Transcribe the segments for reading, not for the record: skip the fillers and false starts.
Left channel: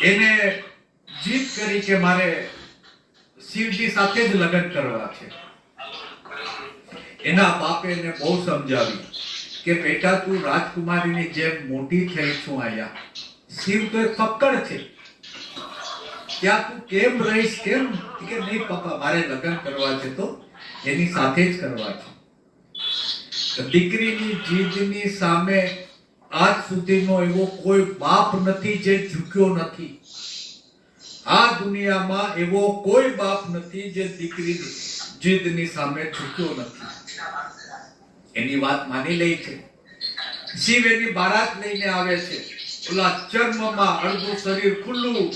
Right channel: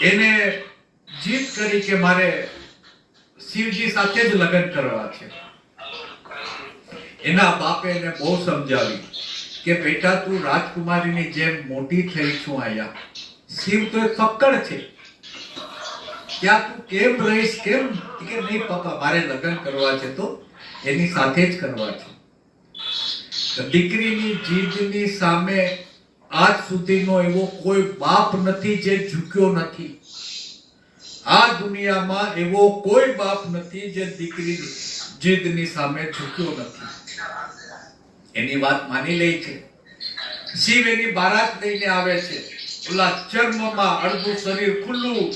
એને જીત કરી કે મારે શિવજી સાથે જ લગ્ન કરવા છે. એના બાપે એને બહુ સમજાવી કે બેટા તું રાજકુમારીની જેમ મોટી થઈ છું અહીંયા. શિવ તો એક ફક્કડ છે, ત્યાં તું કેમ રહીશ? કેમ? કે નહીં પપ્પા, મારે લગ્ન કરવા છે તો એની સાથે જ કરવા છે. દીકરીની જીદની સામે આજ સુધીનો એવો કોઈ બાપ નથી જે ઝૂક્યો નથી. આ દુનિયામાં એવો કોઈ બાપ નથી જે દીકરીની જીદની સામે ઝૂક્યો નથી. એની વાત માની લે છે. શિવ એની બારાત લઈને આવે છે. ઓલા ચર્મમાં અડધું શરીર ખુલ્લું,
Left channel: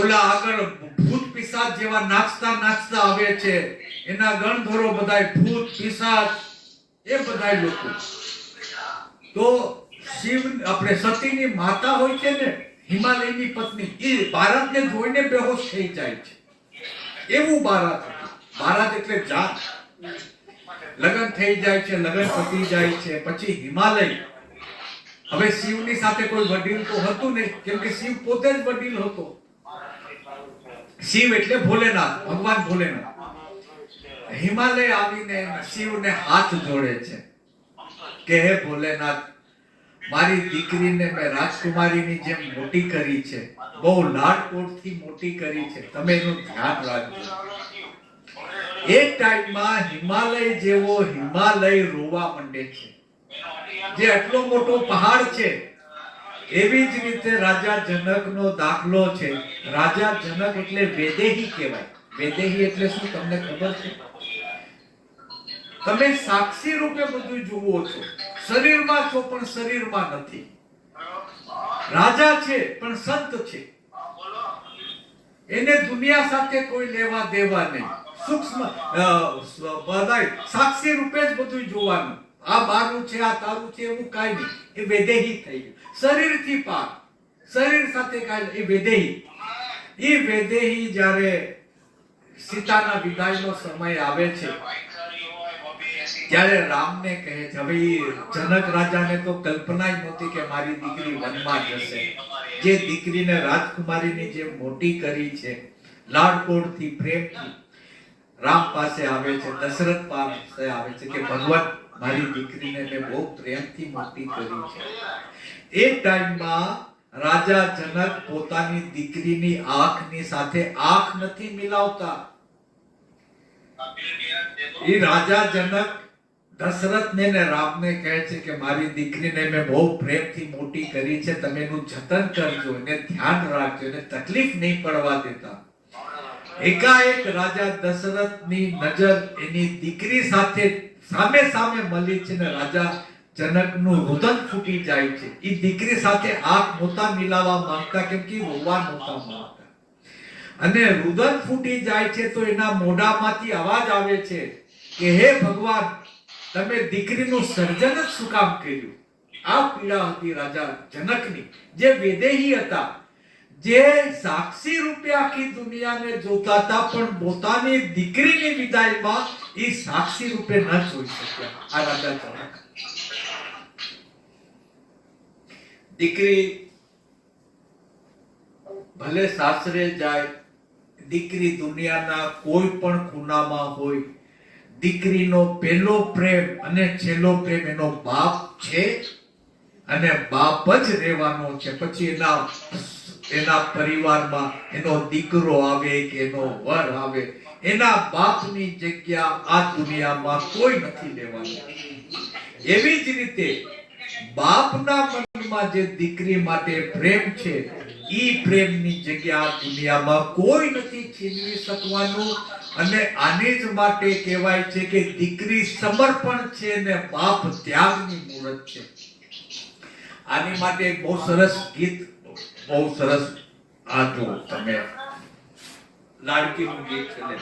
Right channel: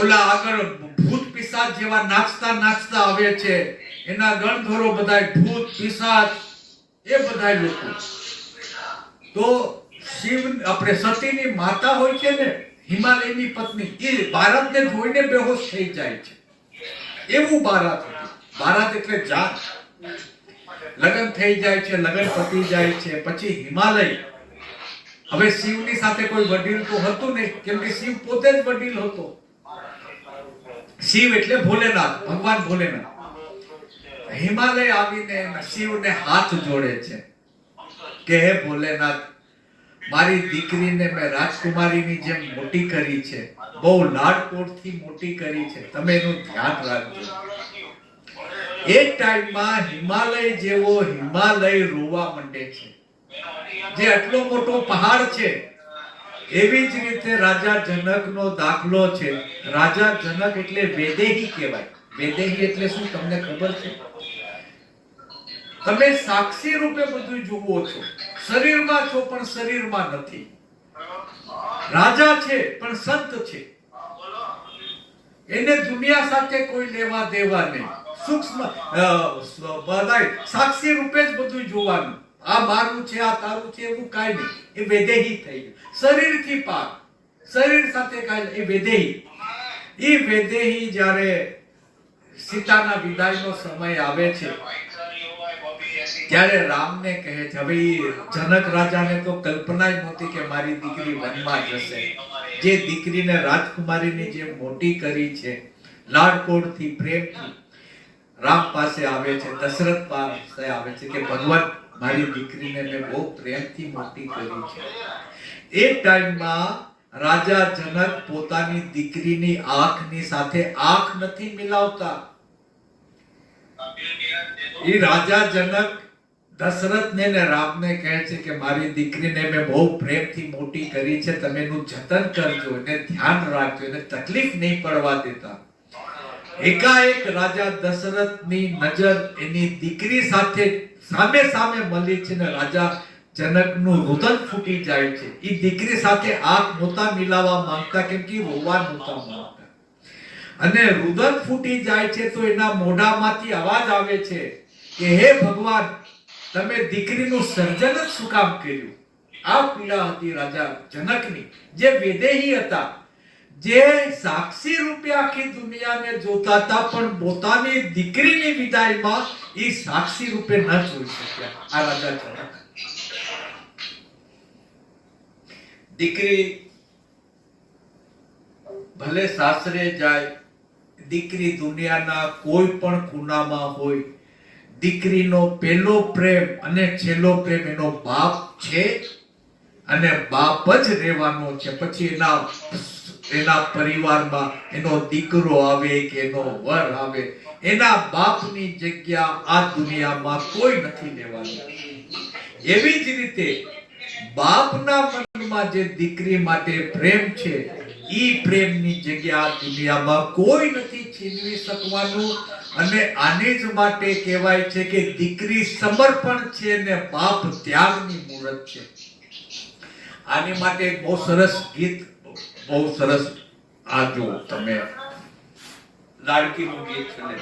ઓલા આગળ ભૂત પિશાચ જેવા નાચતા નાચતા આવે છે. એના ગણધરો બધાય ભૂત પિશાચ એ બધાય લોકો. તો શિવ આપણે સતીની માતા હોય છે ને, હિમાલયની પત્ની, એ બારાતને જોઈને બેહોશ થઈ જાય છે. એવું બારાત હતું. બારાત એટલે જાત. લગ્ન થઈ જાય છે, લગ્ન પતી જાય છે, પછી હિમાલય. હવે શિવની સાથે કોઈ વડીલ તો હતું નહીં, કેમ કે શિવ પોતે જ વડીલ હતો. શિવ એટલે ભોલેનાથ, ભગવાન ભોલેનાથ. હિમાલય આવીને શિવને હાથ જોડે છે કે હે ભોલેનાથ, મારી દીકરીને મેં રાજકુમારીની જેમ મોટી કરી છે, બહુ લાડકોડથી મોટી કરી છે, તમે એનું ધ્યાન રાખજો. એક ટાઈમમાં હિમાલય જેવો હિમાલય રોવા માંડે છે. જે આટલો મોટો પહાડ છે, એવી જ રીતે રાજા જનકનો દાખલો છે. રાજા જનક એટલે વૈદેહી કહેવાય. વૈદેહી એટલે શું તમને ખબર છે? તમે સાક્ષી રૂપે બધું જુઓ છો, શરીરમાં છો પણ શરીરમાં નથી. રાજા છે પણ સંત છે. એને દુનિયા સાથે કોઈ લેવા દેવા નહીં. સૂક્ષ્મ બધાય સાક્ષી રૂપે જ બધું જોવાનું. આ મારું છે, આ તારું છે, એવું કાંઈ નહીં. એ વૈદેહી થઈ ગયું. શરીરથી પાર, શરીર સાથે કાંઈ. એ વૈદેહી. એ વૈદેહી જ્યારે સીતાના વિદાયનો સમય આવે છે, ત્યારે રામને કહે છે, હવે જનક રાજાને તો કલ્પના જ નહોતી કે મારી દીકરી વનમાં જશે. જે દીકરીને રાજકુમારીની જે મોટી કરી છે, લાડકોડથી પ્રેમથી રામ પાસે આવે છે, દશરથ પાસે આવે છે કે ભગવાન, મારી દીકરીને મેં બહુ પ્રેમથી મોટી કરી છે. એક ટાઈમમાં રાજા જનક પોતાની દીકરીની આંખની સાથે આંખ નથી મિલાવતા. એ રાજા જનક દશરથને ને રામને કહે છે કે મારી દીકરીને મેં બહુ પ્રેમથી મોટી કરી છે, તમે એનું જતન કરજો, એને ધ્યાન રાખજો, એને તકલીફ નહીં પડવા દેતા. એકાએક રાજા દશરથની નજર એની દીકરી સાથે સામે સામે મળી છે ને રાજા જનકનું રુદન ફૂટી જાય છે. એ દીકરી સાથે આંખ નહોતા મિલાવવા માંગતા, કેમ કે રોવા નહોતા માંગતા. અને રુદન ફૂટી જાય છે તો એના મોઢામાંથી અવાજ આવે છે કે હે ભગવાન, તમે દીકરીનું સર્જન જ શું કામ કર્યું? આ પીડા હતી રાજા જનકની, જે વૈદેહી હતા, જે સાક્ષી રૂપે આખી દુનિયાને જોતા હતા, પણ પોતાની દીકરીની વિદાયમાં એ સાક્ષી રૂપે ન જોઈ શક્યા. આ રાજા જનક. દીકરી ભલે સાસરે જાય, દીકરી દુનિયાના કોઈ પણ ખૂણામાં હોય, દીકરીનો પહેલો પ્રેમ અને છેલ્લો પ્રેમ એનો બાપ છે અને બાપ જ રહેવાનો છે. પછી એના પરિવારમાં એનો દીકરો આવે કે એનો વર આવે, એના બાપની જગ્યા આ દુનિયામાં કોઈ નથી લેવાનું. એવી જ રીતે બાપના મનમાં જે દીકરી માટે પ્રેમ છે, ઈ પ્રેમની જગ્યા આ દુનિયામાં કોઈ નથી છીનવી શકવાનું. અને આને જ માટે કહેવાય છે કે દીકરી સમર્પણ છે ને બાપ ત્યાગની મૂર્ત છે. આની માટે બહુ સરસ ગીત, બહુ સરસ, આ જો તમે લાડકીનું ગીત છે ને,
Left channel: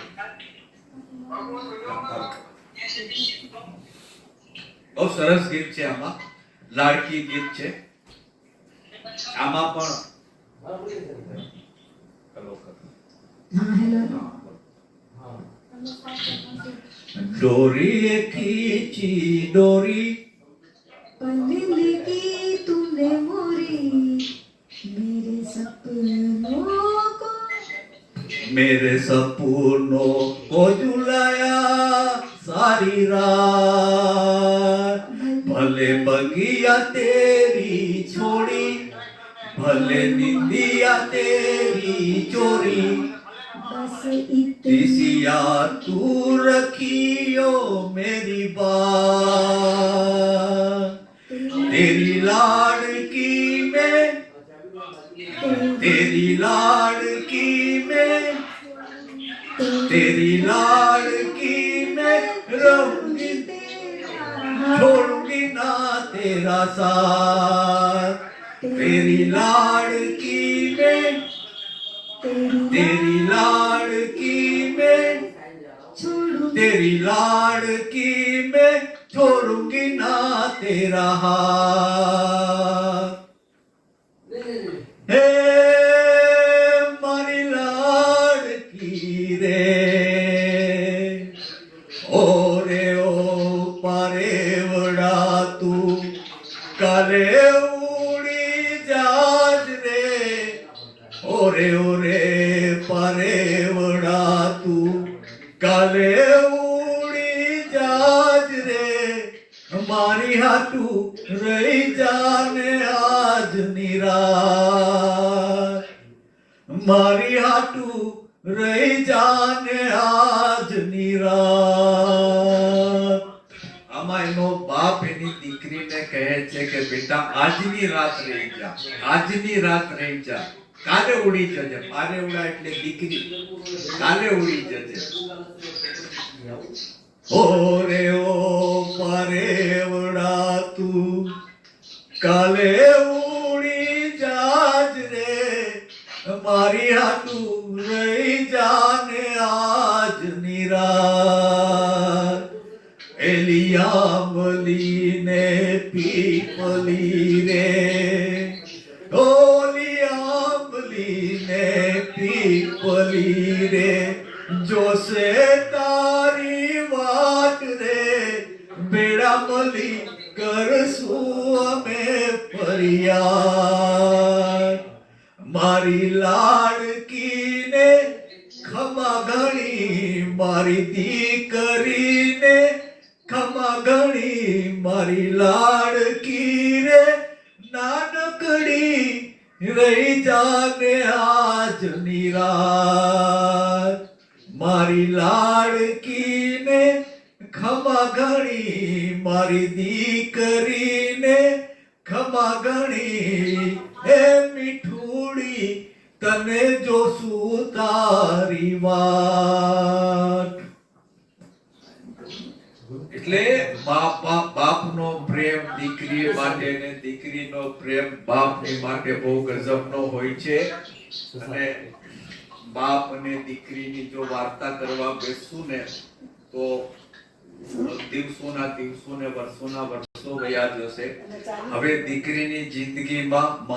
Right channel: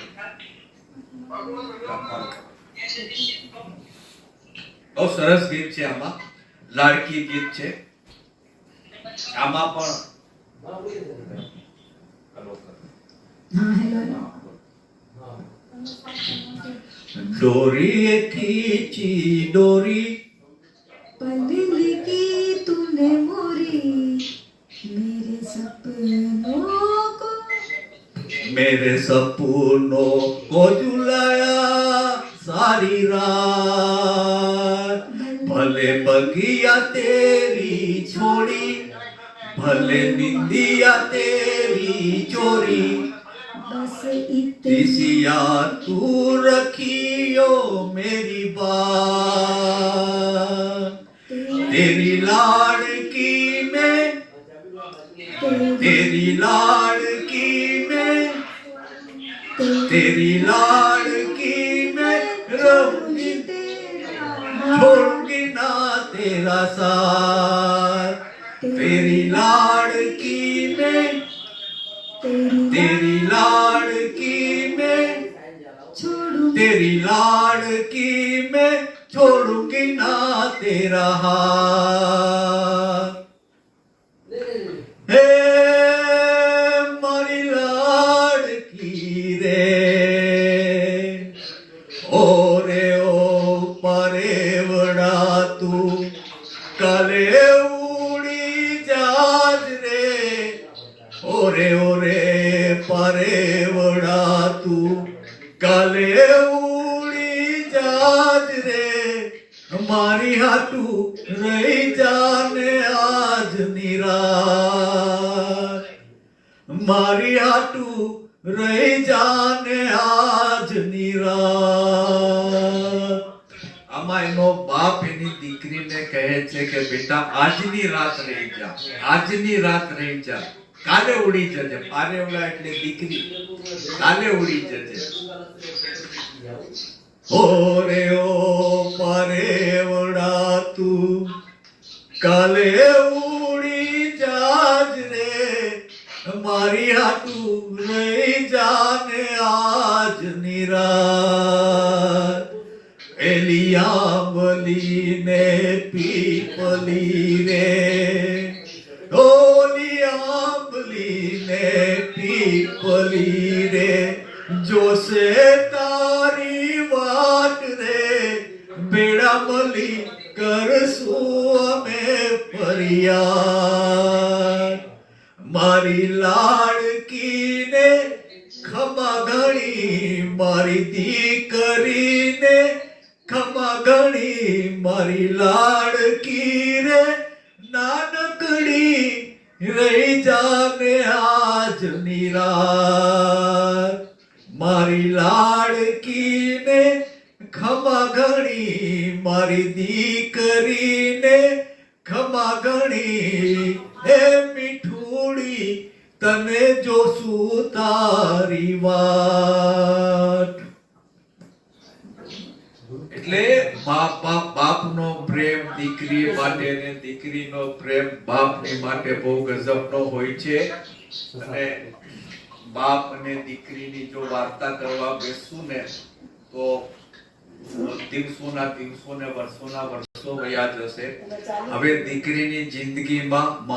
બહુ સરસ ગીત છે. આમાં લાડકી ગીત છે. આમાં પણ डोरी खींची डोरी पल की तूने मोरी मेरे सपनों को मेरे सपनों को झुलाया सारी रात भले बगिया तेरी छोड़ी भले निंदिया तेरी चोरी बस इतनी दिसिया तू रखियो मेरी बात तेरी लाड़की में तेरी लाड़की में तेरी लाड़की में रहूंगी छोड़ूंगी ना तेरा साथ तेरी लाड़की में तेरी लाड़की में तेरी लाड़की में छोड़ूंगी ना तेरा हाथ हे मारी लाड़की रे ओ रे ओ परेवड़ा तू काले उड़ी जाज रे ओरे परेवड़ा तू काले उड़ी जाज रे हमारी हाटू रही जाने आज निराश मारी हाटू रही जाने आज निराश આમાં એનો બાપ એની દીકરીને કહે છે કે બેટા આજની રાત રહી જા આજની રાત રહી જા કાલે ઉડી જજે પારેવડા એટલે દીકરી કાલે ઉડી જજે ઓરે ઓ પારેવડા તું કાલે ઉડી જાજ રે મારી હાટુ રહી જાને આજ નિરાત એલિયામલી ને પીપલી રે ઓલિયામલી ને પીપલી રે જોશે તારી વાટ રે બેડા મલી કરશું અમે ફરિયાદ મારી લાડકીને ખમા ઘણી મારી દીકરીને ખમા ઘણી મારી લાડકી રે નાનકડી રહી જાને આજ નિરાત મારી લાડકીને ખમા ઘણી મારી દીકરીને ખમા ઘણી હે મીઠુડી તને જોશું તારી વાત એટલે બાપનો પ્રેમ દીકરી માટે ને દીકરીનો પ્રેમ બાપની માટે બહુ ગજબનો હોય છે અને બાપ અને દીકરીની જો વાર્તા કરવા બેસું ને તો દિવસોના દિવસો ને વર્ષોના વર્ષો વયા જશે હવે દીકરીની જિંદગીમાં